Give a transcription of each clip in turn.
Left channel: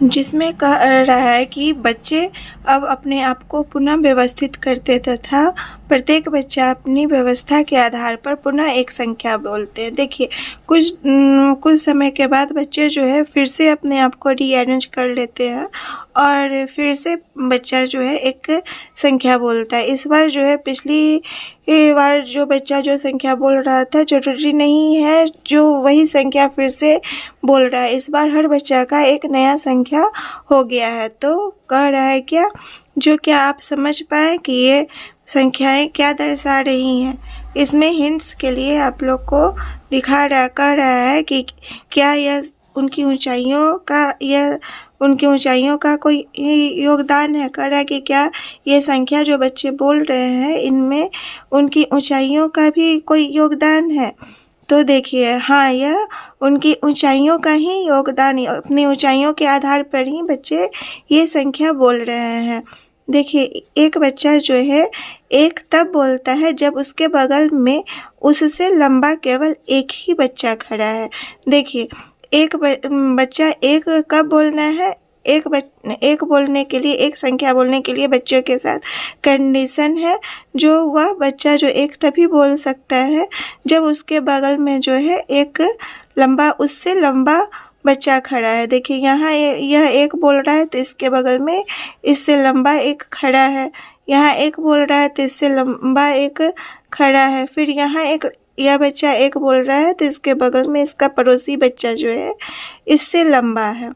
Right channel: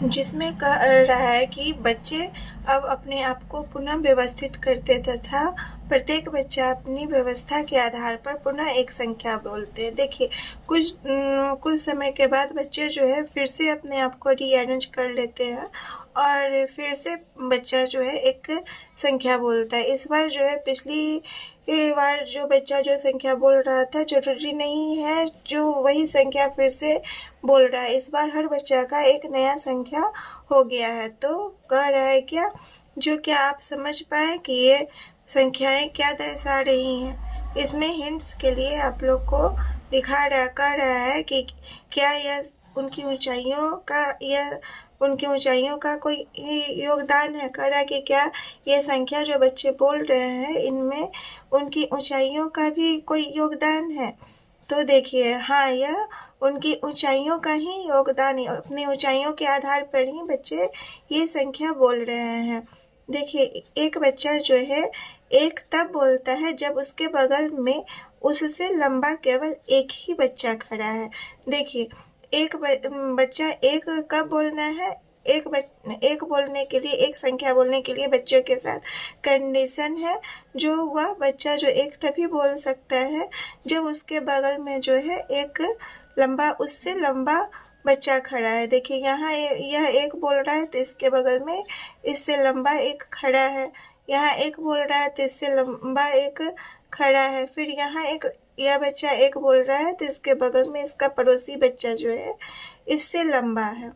जिसमें कह रहा है कि बच्चे अब अपने आप को पुनः व्यवस्थित करते तथा प्रत्येक बच्चा अपनी व्यवस्था के आधार पर पुनः एक संख्या बोलते हैं। देखिए कुछ समय के बाद बच्चे जो है फिर से अपने आप को रीअरेंज कर लेते हैं और फिर से बच्चा जो है एक संख्या बोलता है। इस बार जो है पिछली बार जो बच्चा जो संख्या बोल रहा था ज़रूरी नहीं है जो वही संख्या फिर से बोल रहा है। इस बार हर बच्चा का एक नया संख्या हो गया है। तो कह रहा है क्या आप समझ पाए कि ये संख्याएं क्या दर्शा रही हैं। इसमें हिंट्स के लिए आप लोग को कह रहा है कि क्या यह उनकी ऊंचाइयों का कोई योगदान है। कह रहा है कि क्या ये संख्या जो बच्चे बोल रहे हैं इनमें उनकी ऊंचाइयों का भी कोई योगदान है। तो देखिए हाँ, यह उनकी ऊंचाइयों का ही योगदान, अपनी ऊंचाइयों के आधार पर ही बच्चे ये संख्या बोल रहे हैं। देखिए एक बच्चा जो है एक तब बोलता है जब उसके बगल में उससे लंबा केवल एक ही बच्चा खड़ा है। देखिए एक बच्चा एक कब बोलना है, एक बोलने के लिए, एक संख्या बोलने के लिए बच्चों के साथ कंडीशन है जो वह बच्चा जो एक तभी बोल सकता है जब उसके बगल में जो है एक उससे लंबा बच्चा खड़ा है। देखिए यहाँ यह एक बोल रहा है तो इसके बगल में इससे लंबा एक खड़ा है। यहाँ एक बोल रहा है तो इससे लंबा एक खड़ा है। फिर यहाँ यह बच्चा एक बोल रहा है तो इसके बगल में इसका पड़ोसी बच्चा जो है इससे लंबा है।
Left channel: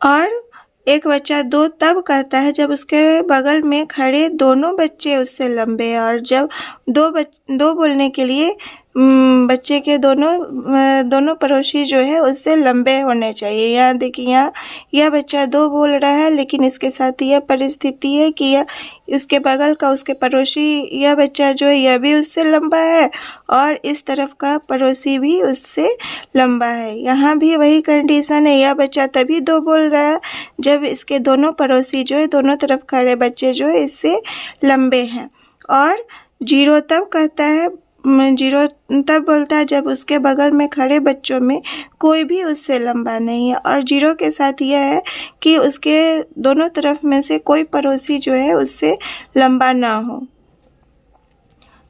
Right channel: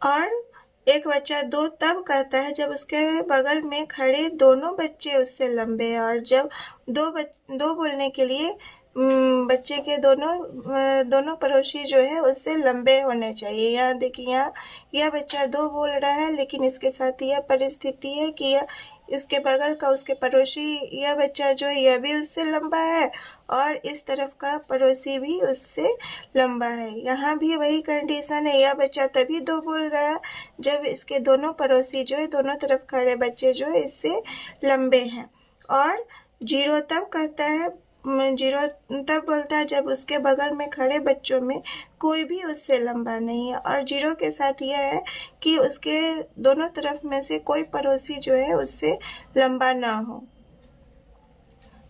और एक बच्चा दो तब कहता है जब उसके बगल में खड़े दोनों बच्चे उससे लंबे हैं। और जब दो बोलने के लिए बच्चे के दोनों पड़ोसी जो है उससे लंबे होने चाहिए। यहाँ देखिए यहाँ यह बच्चा दो बोल रहा है लेकिन इसके साथ यह परिस्थिति है कि यह उसके बगल का उसके पड़ोसी यह बच्चा जो है यह भी उससे लंबा है और इस तरफ का पड़ोसी भी उससे लंबा है। यहाँ भी वही कंडीशन है, यह बच्चा तभी दो बोल रहा है जब इसके दोनों पड़ोसी जो है दोनों तरफ खड़े बच्चे जो है इससे लंबे हैं। और जीरो तब कहता है, जीरो तब बोलता है जब उसके बगल में खड़े बच्चों में कोई भी उससे लंबा नहीं है। और जीरो के साथ यह है कि उसके दोनों तरफ में से कोई पड़ोसी जो है उससे लंबा ना हो।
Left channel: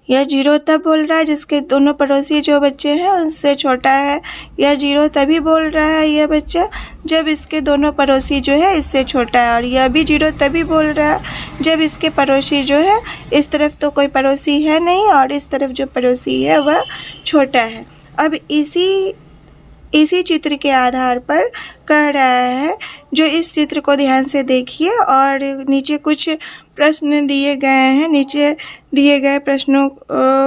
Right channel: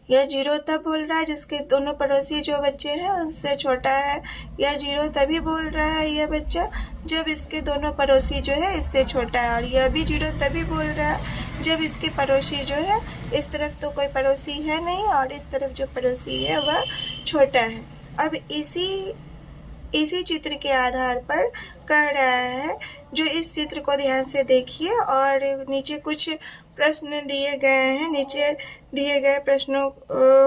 यह जीरो तब बोल रहा है जिसके दोनों पड़ोसी जो बच्चे हैं उससे छोटा है। यह जीरो तभी बोल रहा है यह बच्चा जब इसके दोनों पड़ोसी जो है इससे छोटा है। और यह भी जीरो तभी बोल रहा है जब इसके पड़ोसी जो है इस तरफ तो कोई पड़ोसी है नहीं और इस तरफ जो पड़ोसी है वह छोटा है। अब इसी चित्र के आधार पर कह रहा है, जो इस चित्र को ध्यान से देखिए और नीचे कुछ प्रश्न दिए गए हैं, नीचे दिए गए प्रश्नों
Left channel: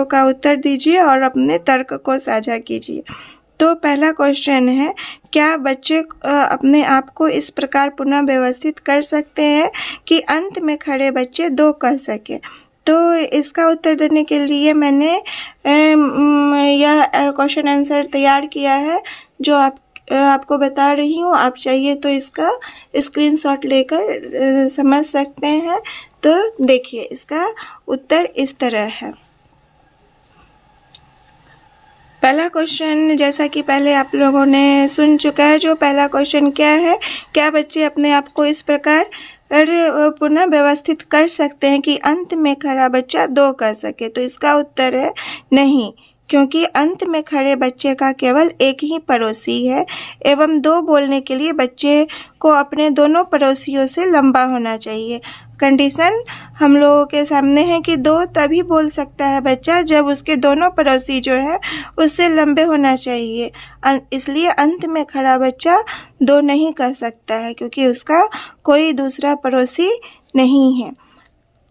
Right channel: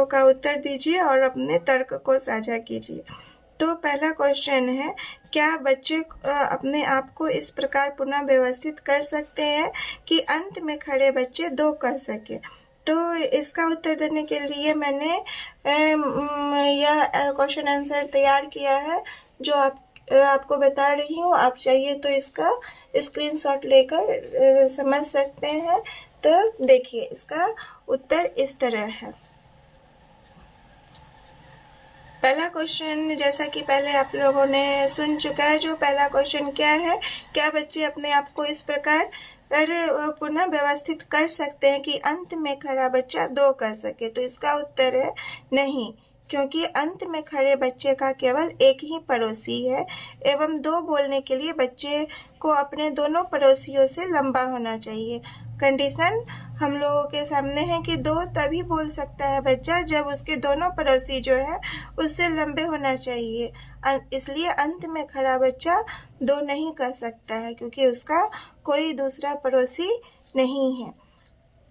का उत्तर दीजिए और अपने तर्क को साझा कीजिए। तो पहला क्वेश्चन है, क्या बच्चे अपने आप को इस प्रकार पुनः व्यवस्थित कर सकते हैं कि अंत में खड़े बच्चे दो कह सकें। तो इसका उत्तर देने के लिए मैंने यह क्वेश्चन आंसर तैयार किया है जो आपको बता रही हूँ। आप चाहिए तो इसका स्क्रीनशॉट लेकर समझ सकते हैं। तो देखिए इसका उत्तर इस तरह है। पहला क्वेश्चन जैसा कि पहले आप लोगों ने सुन चुका है, जो पहला क्वेश्चन क्या है, क्या बच्चे अपने आप को इस प्रकार पुनः व्यवस्थित कर सकते हैं कि अंत में खड़ा बच्चा दो कह सके। तो इसका उत्तर है नहीं, क्योंकि अंत में खड़े बच्चे का केवल एक ही पड़ोसी है एवं दो बोलने के लिए बच्चे को अपने दोनों पड़ोसियों से लंबा होना चाहिए। कंडीशन हम लोगों के सामने है कि दो तभी बोल सकता है बच्चा जब उसके दोनों पड़ोसी जो है उससे लंबे होना चाहिए। इसलिए अंत में खड़ा बच्चा दो नहीं कह सकता है क्योंकि उसका कोई दूसरा पड़ोसी नहीं है।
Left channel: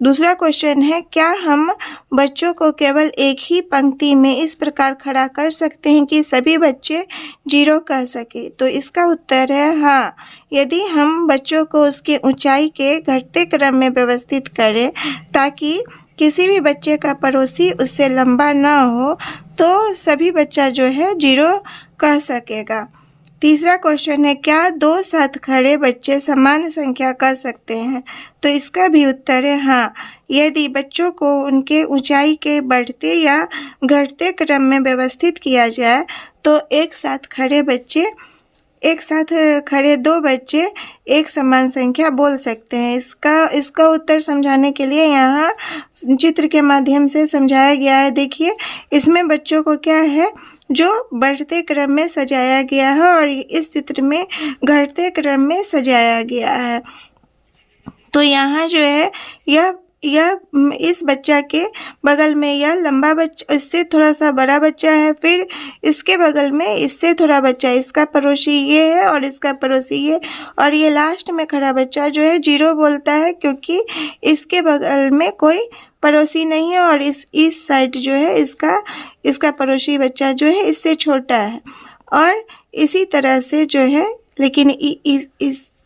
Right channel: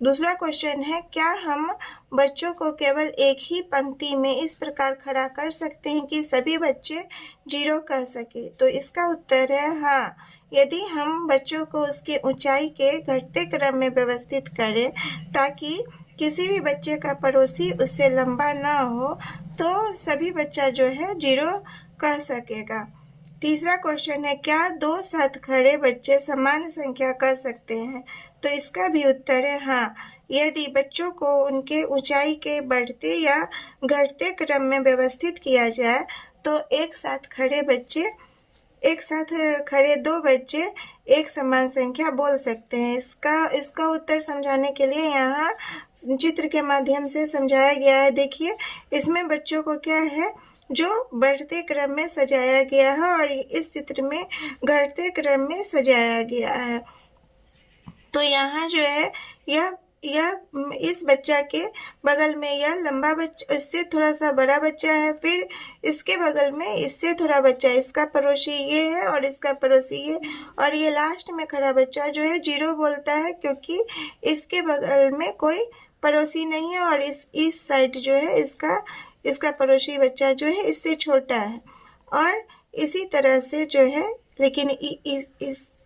दूसरा क्वेश्चन है, क्या हम बच्चों को केवल एक ही पंक्ति में इस प्रकार खड़ा कर सकते हैं कि सभी बच्चे जीरो कह सके। तो इसका उत्तर है हाँ। यदि हम बच्चों को उसके ऊंचाई के घटते क्रम में व्यवस्थित करें ताकि किसी भी बच्चे का पड़ोसी उससे लंबा ना हो तो सभी बच्चा जो है जीरो कह सकेगा। तीसरा क्वेश्चन है, क्या दो साथ खड़े बच्चे समान संख्या कह सकते हैं। तो इसका भी उत्तर है हाँ। यदि बच्चों को उनके ऊंचाई के बढ़ते या घटते क्रम में व्यवस्थित किया जाए तो एक साथ खड़े बच्चे एक साथ खड़े दो बच्चे एक समान संख्या बोल सकते हैं। इसका उत्तर समझाने के लिए यहाँ चित्र के माध्यम से समझाया गया है। देखिए, इसमें बच्चों को क्या है, जो बढ़ते क्रम में सजाया गया है और इस चित्र में घटते क्रम में सजाया गया है। तो यहाँ जो है यह इस बच्चा के बगल में यह लंबा बच्चा, इससे थोड़ा सा बड़ा बच्चा है, फिर इसके बगल में इससे थोड़ा बच्चा, इसका पड़ोसी ये है और इसका पड़ोसी ये, और ये लास्ट में खड़ा बच्चा जो है 0 बोलता है, क्योंकि इसके बगल में कोई पड़ोसी नहीं है और इस साइड जो है इसका पड़ोसी बच्चा जो है इससे छोटा है। और इसी तरह से जो है, लेकिन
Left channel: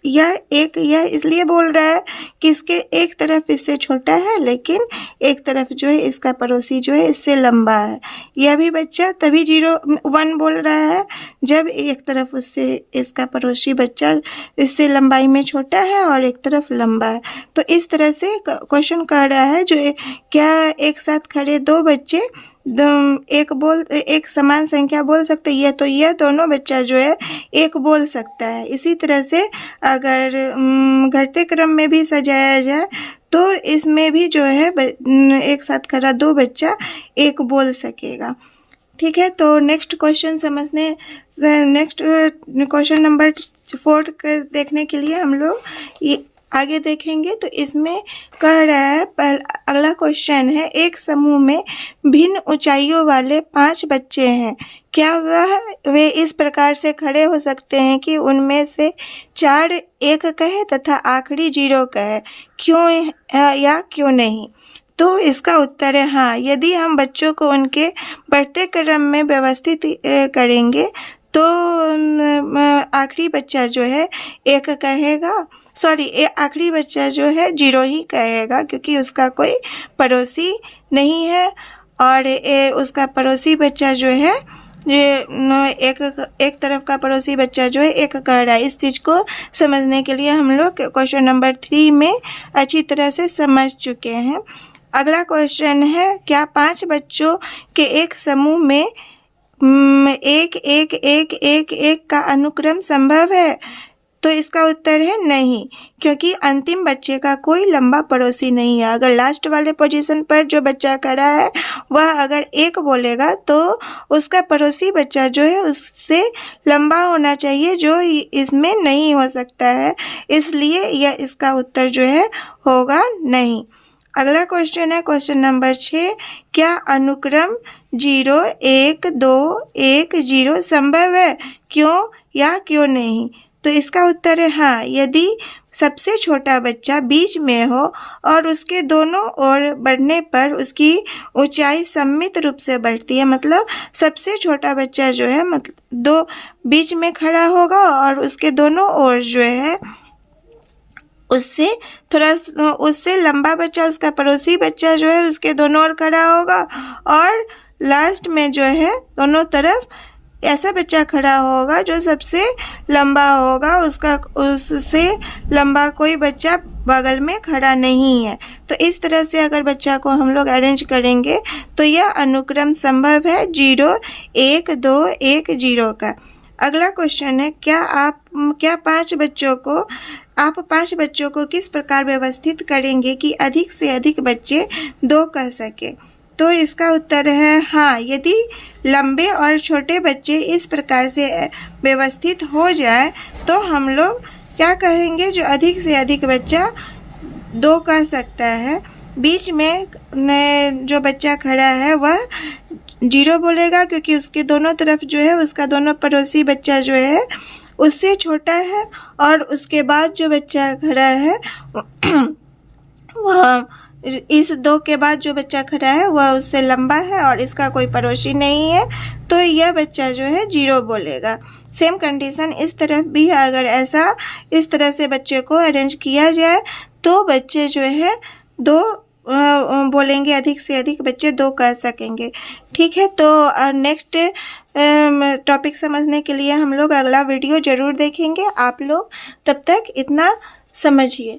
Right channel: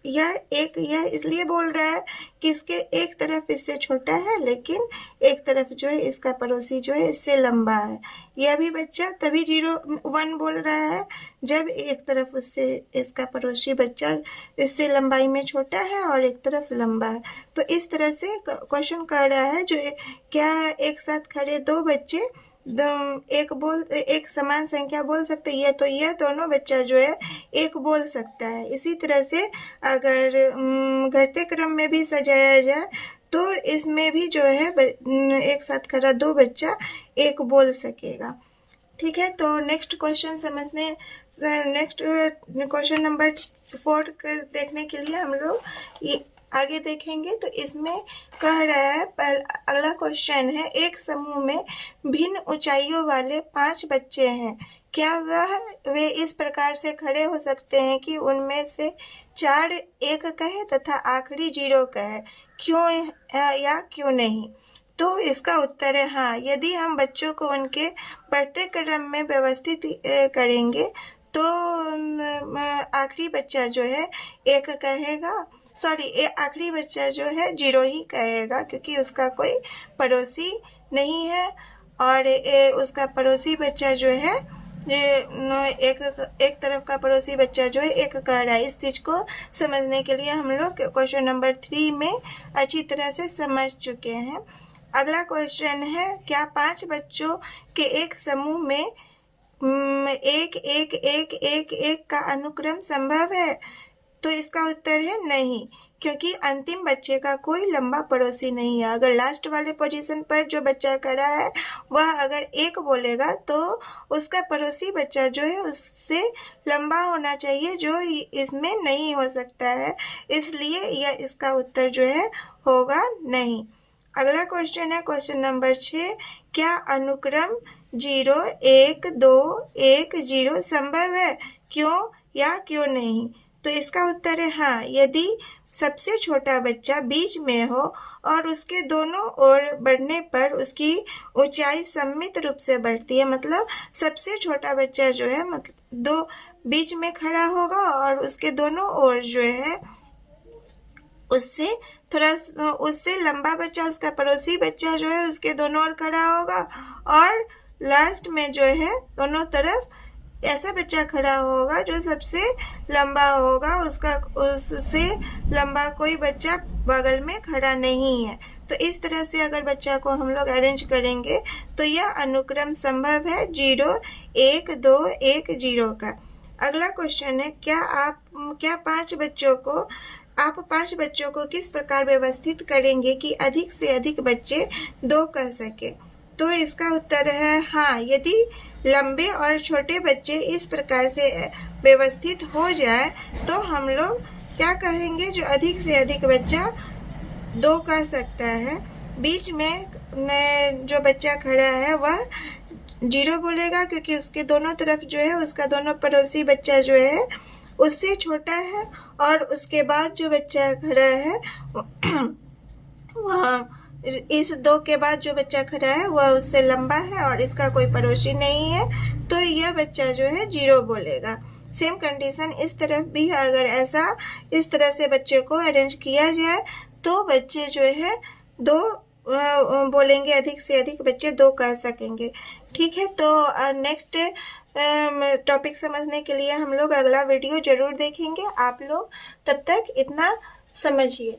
यह इसलिए बोल रहा है कि इसके एक तरफ इससे छोटा है, लेकिन एक तरफ जो है इसका पड़ोसी जो है इससे लंबा है। यह भी बच्चा तभी 1 बोल रहा है जब एक तरफ उससे इसका पड़ोसी बच्चा इससे लंबाई में छोटा है और एक तरफ लंबा है। तो इस तरह से क्वेश्चन कह रहा है, जो क्या एक साथ खड़े दो बच्चे एक समान संख्या बोल सकते हैं। तो यह दोनों बच्चा जो है एक बोल सकता है। इसी तरह से अगर घटते क्रम में भी सजाया जाए तो इसमें भी जो है एक साथ खड़ा दो बच्चा एक बोल सकेगा। ठीक है, तो next question next question number 4 देखने के लिए हम लोग ये आगे देखेंगे। तो इसमें कह रहा है, अगला क्वेश्चन है, एक समूह में भिन्न ऊंचाइयों वाले 5 बच्चे हैं, क्या वे इस प्रकार से खड़े हो सकते हैं कि उनमें से 4 1 कहे तथा आखिरी 0 कहे, क्यों या क्यों नहीं? तो इसका उत्तर है हाँ। यदि हम बच्चों को उनके बढ़ते क्रम में व्यवस्थित करेंगे तो आखिरी बच्चा जो है 1 कहेगा, आखिरी बच्चा जो है 0 ही कहेगा, क्योंकि उसका कोई पड़ोसी नहीं है और उसका पड़ोसी बच्चा जो है एक तरफ का पड़ोसी बच्चा जो है 1 कह रहा है। इस चीज़ को समझने के लिए हम लोग क्वेश्चन नंबर 3 में अच्छी तरह से समझ चुके हैं। अगला क्वेश्चन है, क्या 5 बच्चों के एक समूह में 1 1 1 1 1 का अनुक्रम संभव है? तो इसका उत्तर है नहीं, क्योंकि अंतिम बच्चे का कोई लंबा पड़ोसी नहीं है। अगर लास्ट वाले पोजीशन पर जो बच्चा खड़ा है वह अगर 1 बोलेगा तो उसका पड़ोसी बच्चा जो है उससे लंबा होना चाहिए, जो इसमें नहीं हो सकता है, इसलिए यह इसका उत्तर जो है होगा नहीं। अगला क्वेश्चन है क्वेश्चन नंबर 6, क्या अनुक्रम 0 1 2 1 0 संभव है, क्यों या क्यों नहीं? तो इसका उत्तर है हाँ। यदि सबसे छोटा बच्चा बीच में हो और उसके दोनों ओर बढ़ने पर उसकी ऊंचाई सममित रूप से बढ़ती है, मतलब सबसे छोटा बच्चा जो है मतलब बीच में खड़ा होगा और उसके दोनों ओर जो है उससे लंबा बच्चा, उसका पड़ोसी बच्चा जो है उसके दोनों ओर खड़ा होगा, और लास्ट में जो है दोनों तरफ ऐसा बच्चा खड़ा होगा जो सबसे लंबा होगा, उससे लंबा कोई बच्चा बगल में खड़ा नहीं है। तो इस तरह से अगर बच्चा को हम लोग अरेंज करेंगे तो यह अनुक्रम संभव है 0 1 2 1 0 का। अगला क्वेश्चन है, आप 5 बच्चों को किस प्रकार व्यवस्थित करेंगे कि अधिक से अधिक बच्चे 2 कह सके? तो इसका उत्तर है हाँ। यदि लंबे और छोटे बच्चे इस प्रकार से व्यवस्थित हो जाए तो हम लोग क्या कहेंगे, जो अधिक से अधिक बच्चा 2 कह सकता है। बीच में जो बच्चा खड़ा है वह 0 बोलेगा, क्योंकि उसके दोनों तरफ जो है उसका दोनों पड़ोसी बच्चा जो है उससे छोटा है, और उसके बाद जो बच्चा खड़ा है वह इस 2 के बाद जो बच्चा खड़ा है वह उससे लंबा है और इसका कोई पड़ोसी नहीं है, तो यह बच्चा जो है 0 बोलेगा। सेम कंडीशन इस तरफ भी है। अगर इस तरह से बच्चे को अरेंज किया जाए तो बच्चे जो है 2 बोलेंगे, अधिक से अधिक बच्चे 2 कह सकेंगे। ठीक है, तो नेक्स्ट टॉपिक समझने के लिए हम लोग अगला वीडियो ज़रूर देखेंगे। आप लोग तब तक इतना समझिए।